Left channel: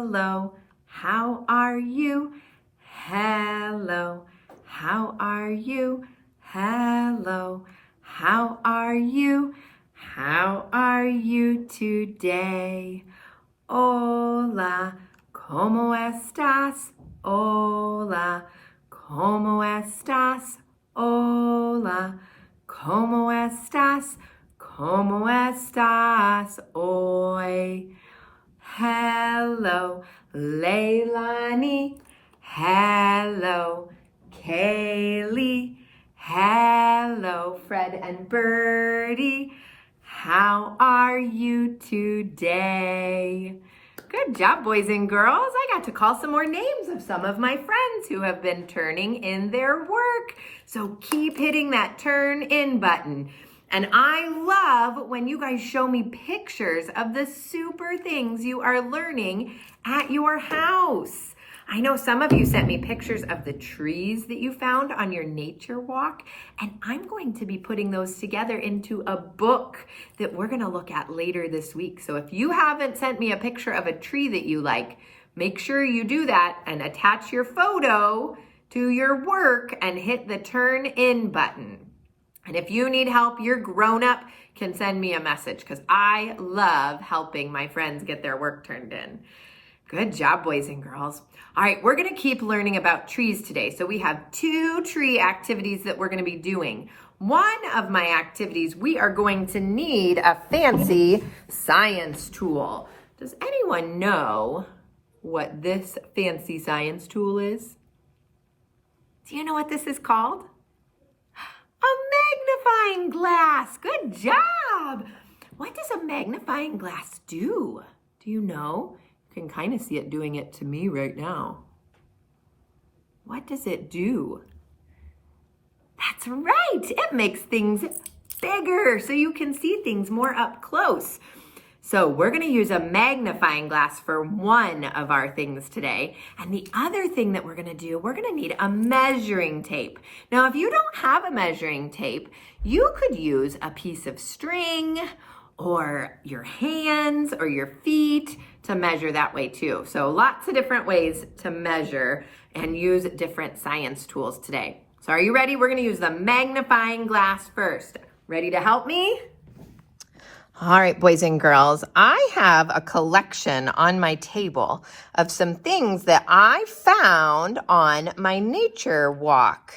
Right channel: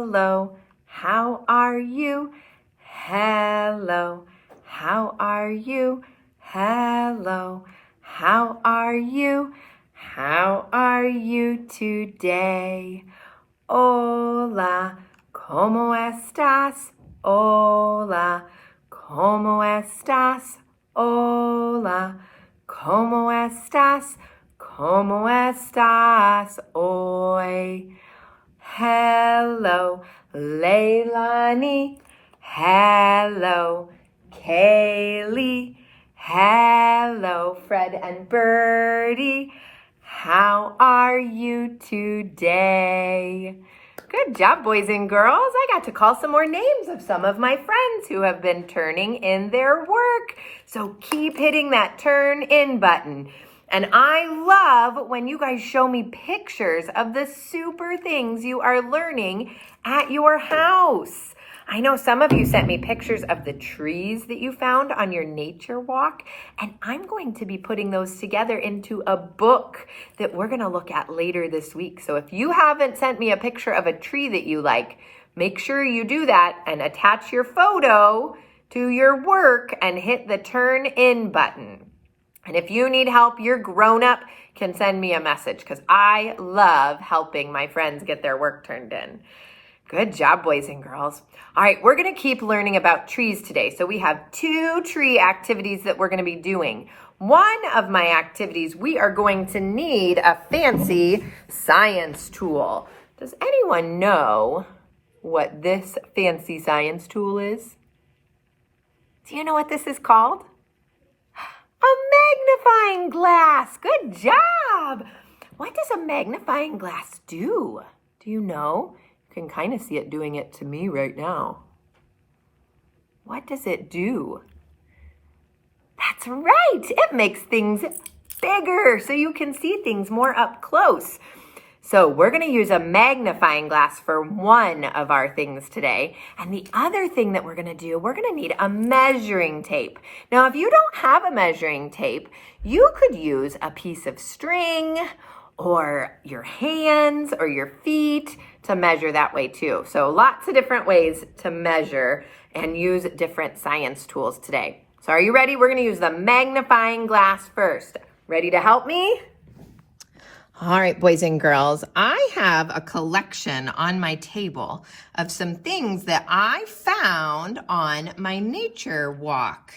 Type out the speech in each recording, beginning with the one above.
hello, how are you? Hello, how are you? Hello, how are you? How are you today? Hola, ¿cómo estás? Hola, ¿cómo estás? Hola, ¿cómo estás? ¿Cómo estás hoy? Hello, Leilani. Hello, Kaylee. Hello, Fred and Birdie. How are you today? Good job, boys and girls. I got to call some more names of some of my friends who have been turning in their work. So keep hitting that turn in button. And I love when you guys show me pictures of the super things you are learning at your house. I know some of you sent me pictures of the trees that you found on your nature walk, and I'm going to be putting those together into a book that we're going to look at later this week. So if you haven't sent me a picture of a tree that you like, make sure you do that and attach your photo to your work and hit the turn in button. And if you need help, your grown-up can send me a message because I love helping my friends get their work turned in. Good job, boys and girls. All right, we're going to keep learning about trees today. So we have 2 tree activities that we're going to be doing. One of my activities, we are going to need a fancy science tool. Does anyone know what this fancy science tool is? Do you know what this is called? A magnifying glass. Good job. What does a magnifying glass do? Do you know? You can kind of see it doing it to me right now. What does it do? That's right. It makes things bigger so you can see things more up close. So we're going to use a magnifying glass for one of our things today. And the other thing that we're going to do, we're going to need a measuring tape. Now, if you don't have a measuring tape, you could use a piece of string or your hands or your feet to measure that way too. So lots of different ways to measure and use different science tools today. So are you ready? We're going to use the magnifying glass first. Ready to help me? All right, boys and girls, I have a collection on my table of some things that I found on my nature walk.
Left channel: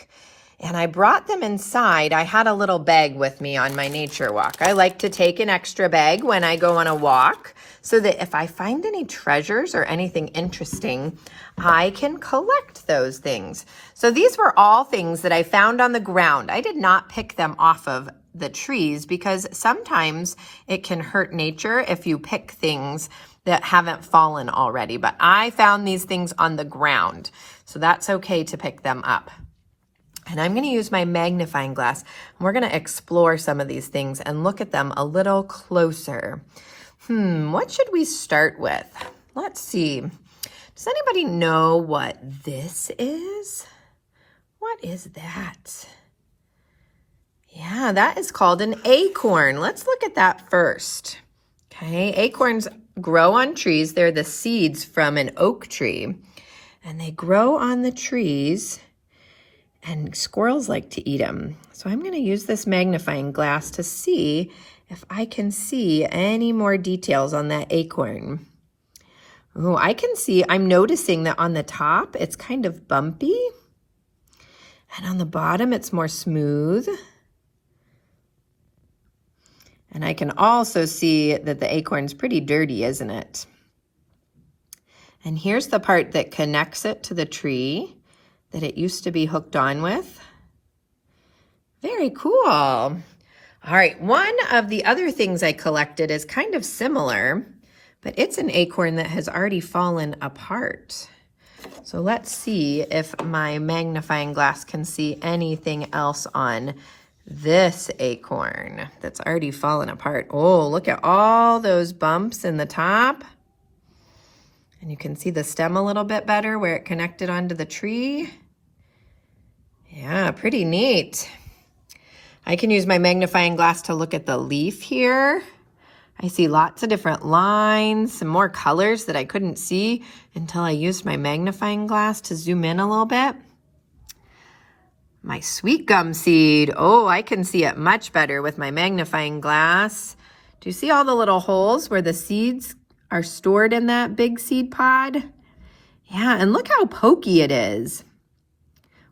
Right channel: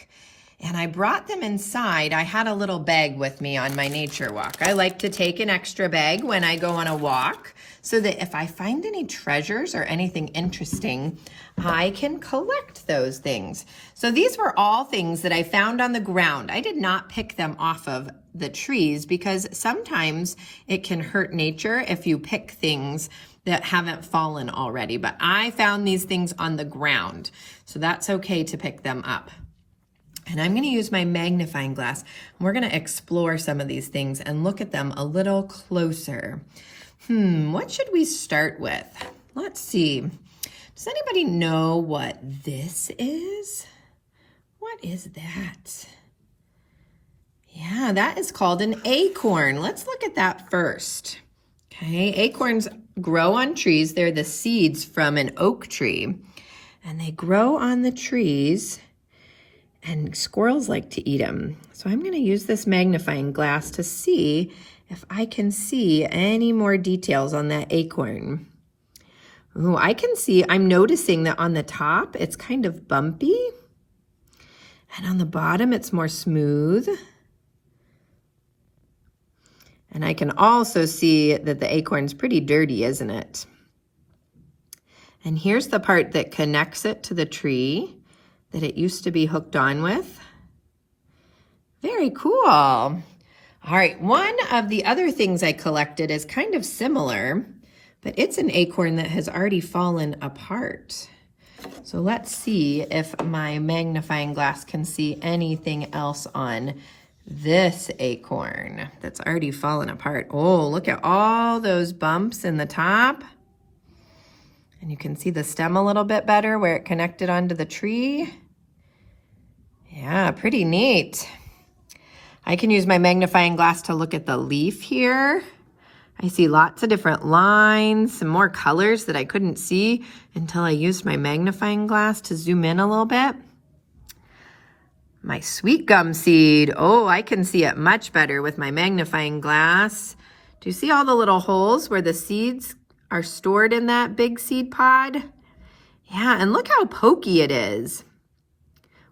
And I brought them inside. I had a little bag with me on my nature walk. I like to take an extra bag when I go on a walk so that if I find any treasures or anything interesting, I can collect those things. So these were all things that I found on the ground. I did not pick them off of the trees because sometimes it can hurt nature if you pick things that haven't fallen already. But I found these things on the ground, so that's okay to pick them up. And I'm going to use my magnifying glass. We're going to explore some of these things and look at them a little closer. What should we start with? Let's see. Does anybody know what this is? What is that? Yeah, that is called an acorn. Let's look at that first. Okay, acorns grow on trees. They're the seeds from an oak tree. And they grow on the trees. And squirrels like to eat them. So I'm going to use this magnifying glass to see if I can see any more details on that acorn. Oh, I can see, I'm noticing that on the top, it's kind of bumpy. And on the bottom, it's more smooth. And I can also see that the acorn's pretty dirty, isn't it? And here's the part that connects it to the tree that it used to be hooked on with. Very cool. All right, one of the other things I collected is kind of similar, but it's an acorn that has already fallen apart. So let's see if my magnifying glass can see anything else on this acorn that's already fallen apart. Oh, look at all those bumps in the top. And you can see the stem a little bit better where it connected onto the tree. Yeah, pretty neat. I can use my magnifying glass to look at the leaf here. I see lots of different lines, some more colors that I couldn't see until I used my magnifying glass to zoom in a little bit. My sweet gum seed. Oh, I can see it much better with my magnifying glass. Do you see all the little holes where the seeds are stored in that big seed pod? Yeah, and look how pokey it is.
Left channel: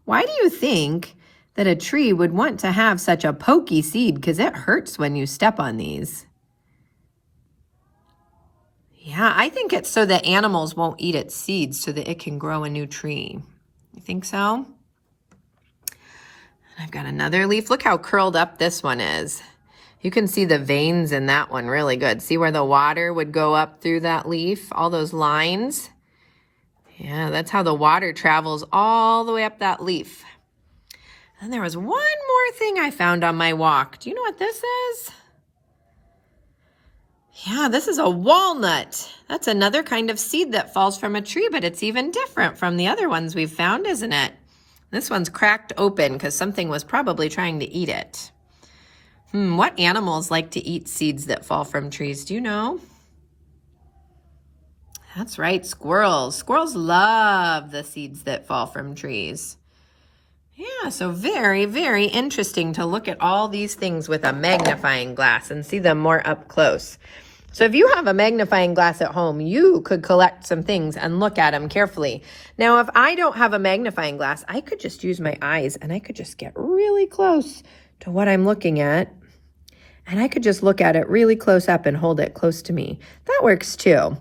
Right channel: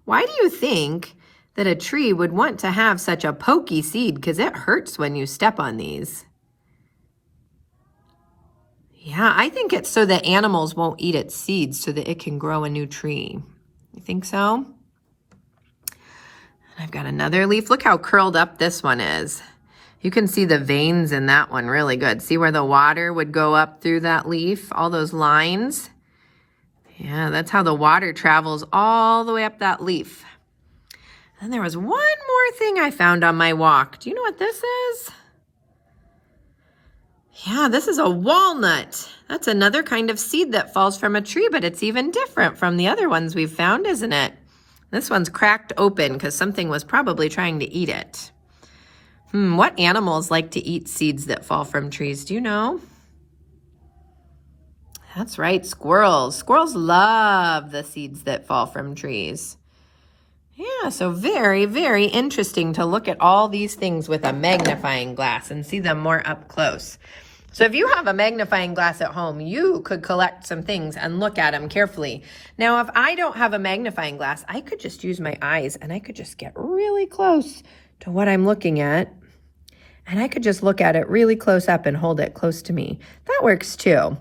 Why do you think that a tree would want to have such a pokey seed? Because it hurts when you step on these. Yeah, I think it's so that animals won't eat its seeds so that it can grow a new tree. You think so? And I've got another leaf. Look how curled up this one is. You can see the veins in that one really good. See where the water would go up through that leaf? All those lines. Yeah, that's how the water travels all the way up that leaf. And there was one more thing I found on my walk. Do you know what this is? Yeah, this is a walnut. That's another kind of seed that falls from a tree, but it's even different from the other ones we've found, isn't it? This one's cracked open because something was probably trying to eat it. What animals like to eat seeds that fall from trees? Do you know? That's right, squirrels. Squirrels love the seeds that fall from trees. Yeah, so very, very interesting to look at all these things with a magnifying glass and see them more up close. So if you have a magnifying glass at home, you could collect some things and look at them carefully. Now, if I don't have a magnifying glass, I could just use my eyes and I could just get really close to what I'm looking at. And I could just look at it really close up and hold it close to me. That works too.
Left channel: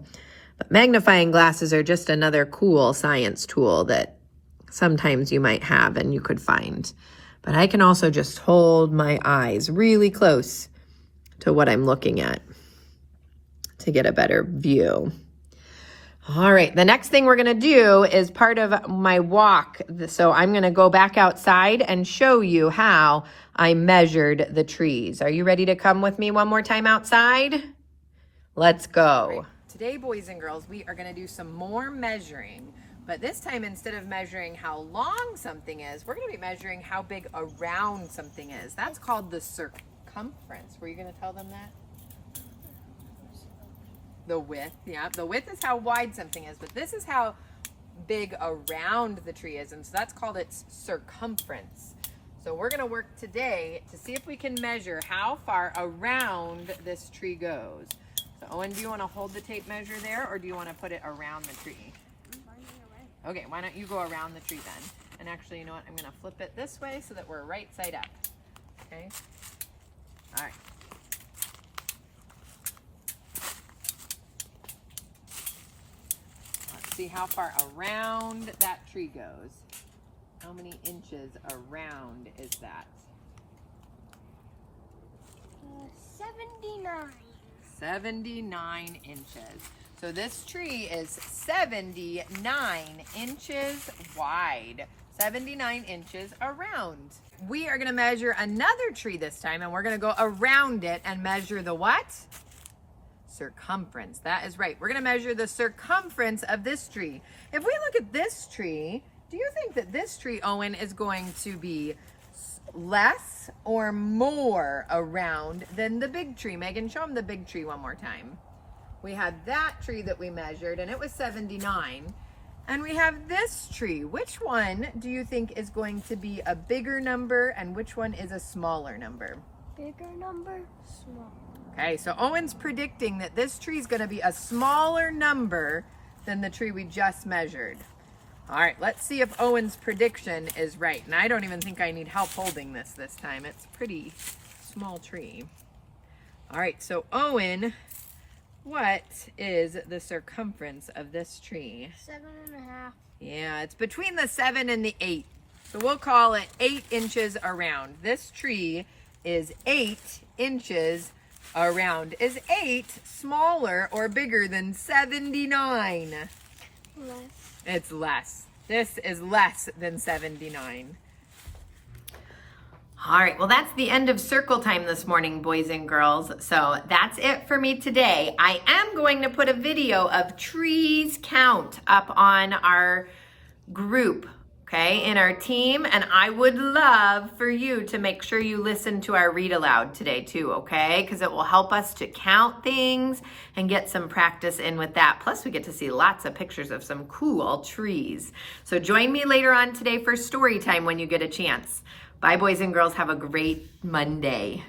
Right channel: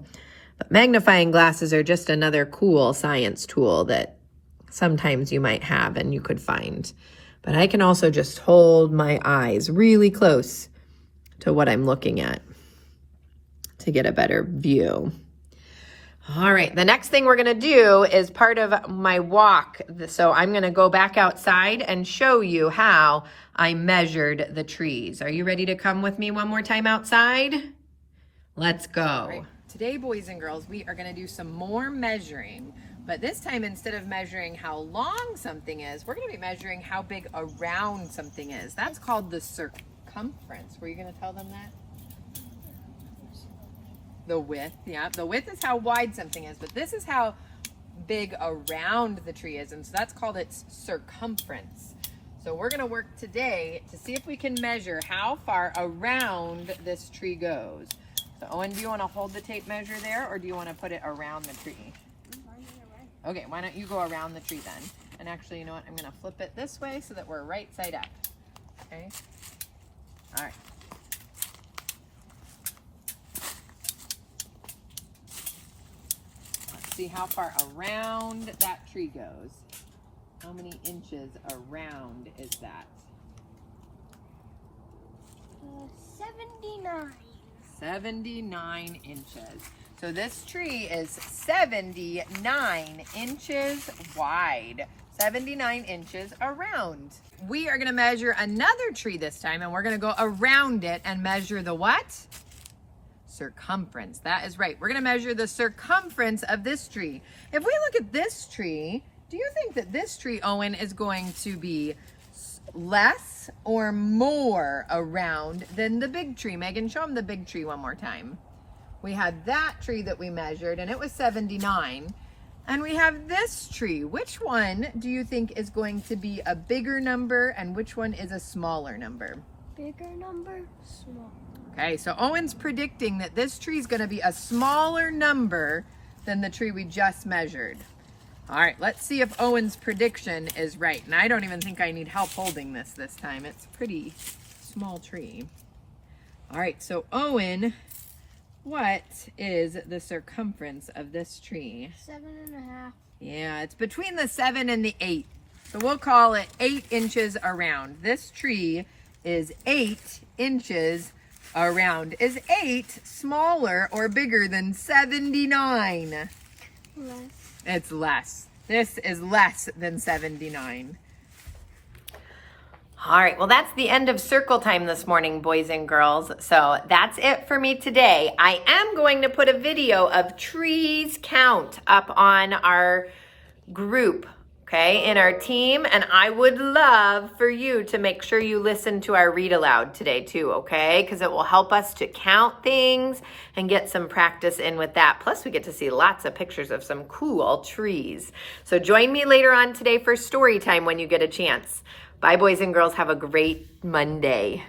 But magnifying glasses are just another cool science tool that sometimes you might have and you could find. But I can also just hold my eyes really close to what I'm looking at to get a better view. All right, the next thing we're gonna do is part of my walk. So I'm gonna go back outside and show you how I measured the trees. Are you ready to come with me one more time outside? Let's go. Right. Today, boys and girls, we are gonna do some more measuring, but this time instead of measuring how long something is, we're gonna be measuring how big around something is. That's called the circumference. Were you gonna tell them that? The width, yeah. The width is how wide something is, but this is how big around the tree is, and so that's called its circumference. So we're gonna work today to see if we can measure how far around this tree goes. So Owen, do you wanna hold the tape measure there, or do you wanna put it around the tree? Okay, why don't you go around the tree then? And actually, you know what? I'm gonna flip it this way so that we're right side up, okay? All right. See how far around that tree goes. How many inches around is that? 79. 79 inches. So this tree is 79 inches wide. 79 inches around. We are gonna measure another tree this time, and we're gonna go around it and measure the what? Circumference. That is right. We're going to measure the circumference of this tree. If we look at this tree, do you think that this tree, Owen, is going to be less or more around than the big tree? Megan, show them the big tree one more time. We had that tree that we measured, and it was 79. And we have this tree. Which one do you think is going to be a bigger number, and which one is a smaller number? Bigger number, small. Okay, so Owen's predicting that this tree is going to be a smaller number than the tree we just measured. All right, let's see if Owen's prediction is right. And I don't even think I need help holding this time. It's a pretty small tree. All right, so Owen, what is the circumference of this tree? 7.5. Yeah, it's between the 7 and the 8. So we'll call it 8 inches around. This tree is 8 inches around. Is 8 smaller or bigger than 79? Less. It's less. This is less than 79. All right, well, that's the end of circle time this morning, boys and girls. So that's it for me today. I am going to put a video of trees count up on our group okay, in our team. And I would love for you to make sure you listen to our read aloud today too, okay? Because it will help us to count things and get some practice in with that. Plus, we get to see lots of pictures of some cool trees. So join me later on today for story time when you get a chance. Bye, boys and girls. Have a great Monday.